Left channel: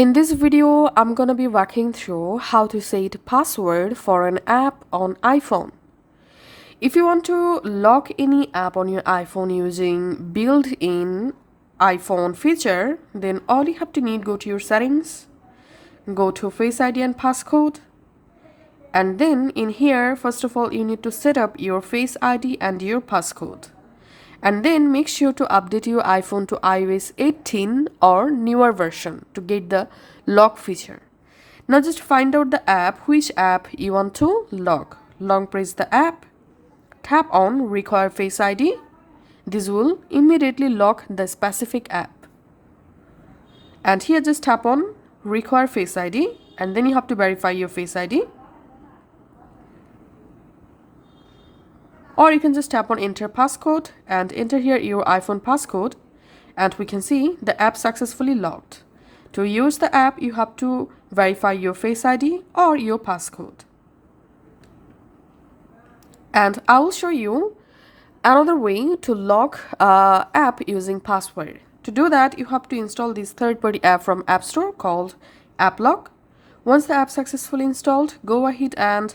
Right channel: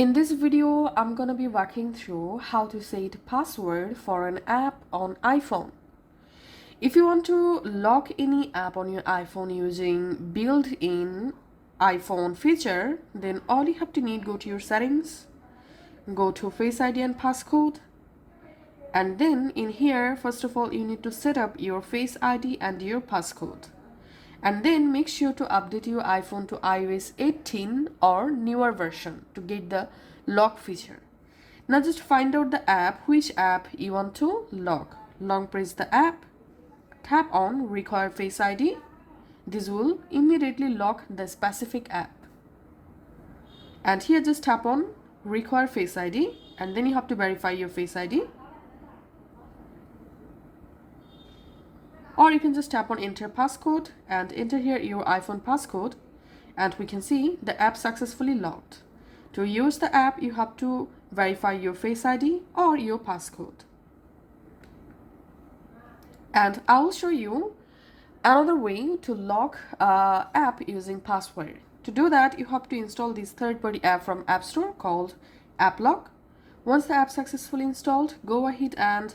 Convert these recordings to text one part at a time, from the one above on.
In this video, I'm gonna be walking through how to set password for an app on iPhone. If you want to lock any app on your iPhone using built-in iPhone feature, then all you have to need, go to your settings, go to Face ID and Passcode, and then in here, first of all, you need to set up your Face ID and your passcode. And then make sure to update your iPhone to iOS 18 or newer version to get the lock feature. Now just find out the app, which app you want to lock. Long press the app, tap on require Face ID. This will immediately lock the specific app. And here just tap on require Face ID, and then you have to verify your Face ID. Or you can just tap on enter passcode and enter here your iPhone passcode, and we can see the app successfully locked. To use the app, you have to verify your Face ID or your passcode. And I will show you another way to lock app using password. To do that, you have to install this third-party app from App Store called App Lock. Once the app successfully installed, go ahead and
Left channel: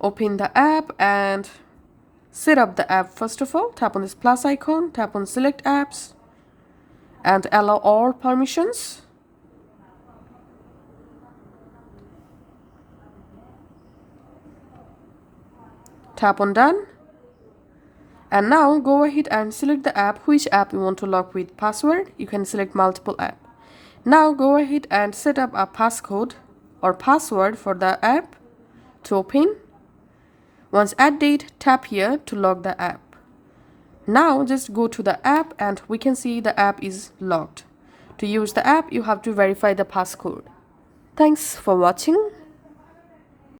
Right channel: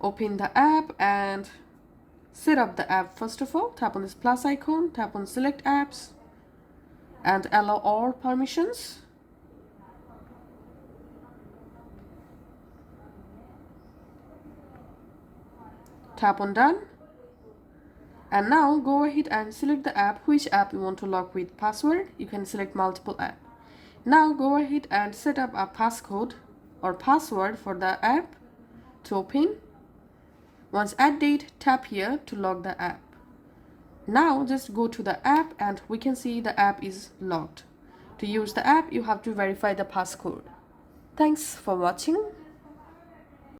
open the app and set up the app. First of all, tap on this plus icon, tap on select apps and allow all permissions. Tap on done. And now go ahead and select the app, which app you want to lock with password. You can select multiple app. Now go ahead and set up a passcode or password for the app to open. Once add date, tap here to lock the app. Now just go to the app and we can see the app is locked. To use the app, you have to verify the passcode. Thanks for watching.